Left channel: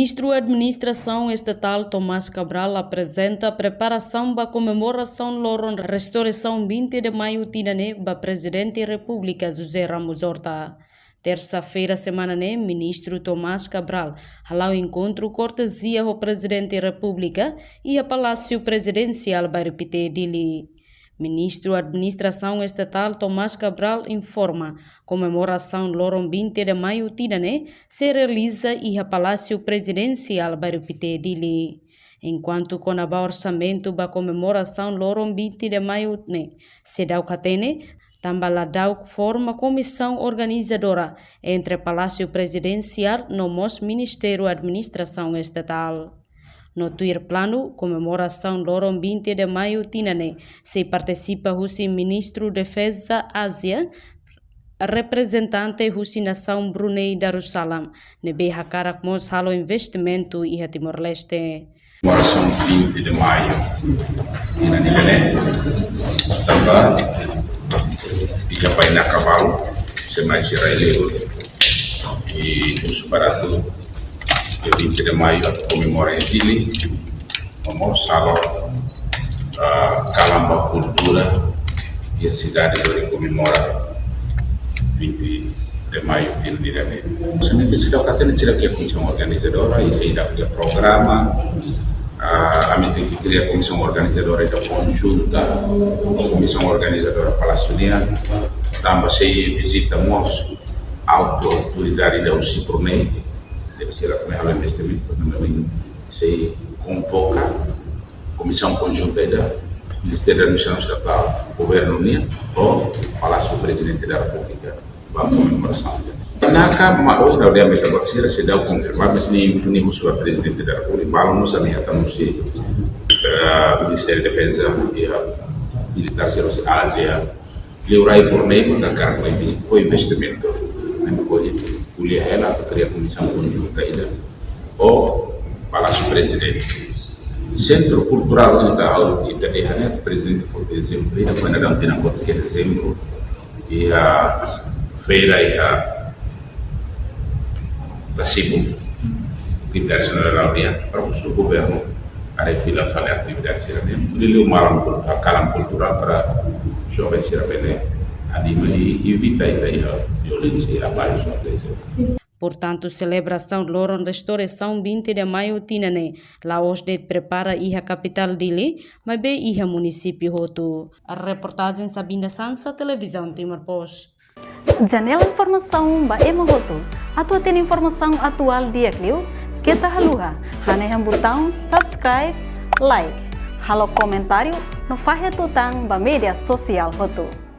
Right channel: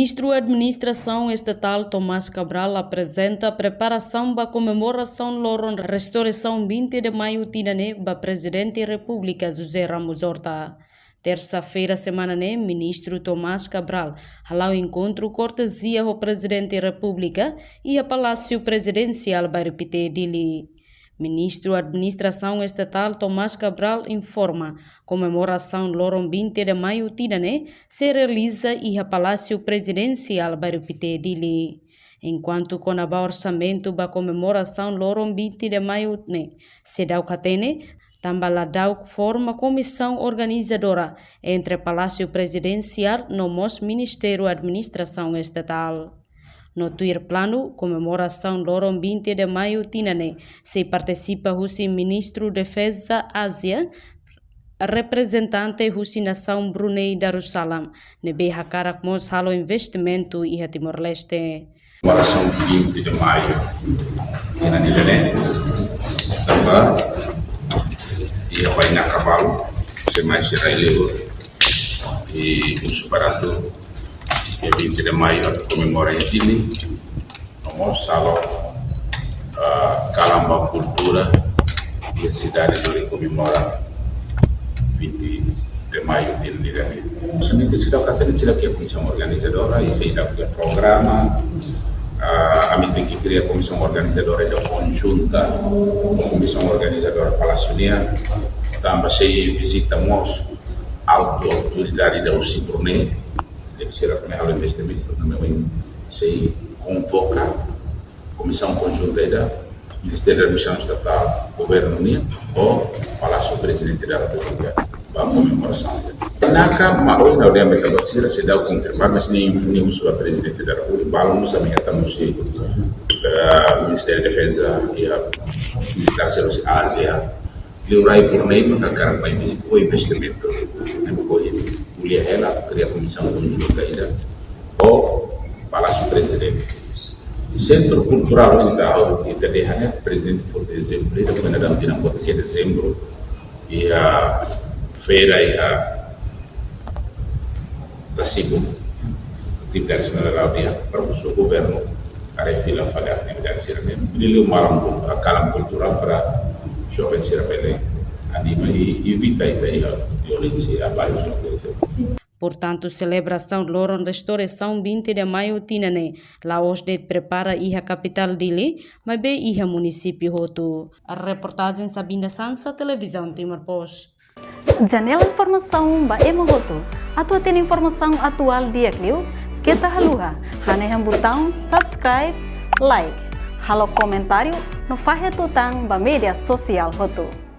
Ministro da Administração Estatal Tomás Cabral apresenta a preparação para a comemoração Loron Restauração 20 de Maio Tinane para Presidente da República José Ramos Horta. Terça-feira, semana, Ministro Tomás Cabral ao encontro cortesia ao Presidente da República e a Palácio Presidencial para repetir dele. Ministro da Administração Estatal Tomás Cabral informa comemoração Loron 20 de Maio Tinane se realiza e a Palácio Presidencial para repetir dele. Enquanto com o orçamento para comemoração Loron 20 de Maio se dá o catene, também dá forma comissão organizadora entre Palácio Presidencial no Ministério da Administração Estatal. No Twitter plano, comemoração Loron 20 de Maio Tinane, se participa o Ministro da Defesa Ásia, representante da Nação Brunei Darussalam, nebe hakara mos halo investimento e a Timor-Leste. Comemoração 20 de Maio, Tinane, também dia vai na cavalo, se mais relevo e o superado. Dia 20 de Maio comemora em Chile, vamos a Calamba Cultura e a cidade de comemora 20 de Maio diretamente. Somente se dá o catene se dá que a comissão organizadora e se dá que o programa a mim tem que criar a comissão organizadora da conjunta, a comissão organizadora palaciana, também se visitamos a autoridade da UCI-Brunei. Será que o investimento se convoca a comissão conjunta da Ministério da Administração Estatal, Governo Unido ou Palácio Presidente da República para a comemoração. Naka, mas na ordem da se dá o confirmar, mas nem o a Presidente da República, nós também estamos no Ministério da Defesa e a Militares da Ásia, Liurai Brunei para carregar o investimento. Kuliah ela cria comissão conjunta ainda ou Palácio Presidente. Centro Cultural onde está o Presidente foi de dezembro, quando era de dezembro e a feira e a da Cibo, atividades general para o governo a refila fazer atividades ele o a calam cultural para jovens ser anima e evita a violência abaixo. Portanto, celebração Loron Restauração 20 de Maio Tinane, Laos de prepara a capital dele, mas bem a município Roto. A reportagem Sabina Sansa, Televisão Timor-Post. Janela informação ba Roto. Atua tem informação atual dia Clio, kita haluha, haneham botão subscribe, like, halo comentário no faixa tutang ba media sosial Roto.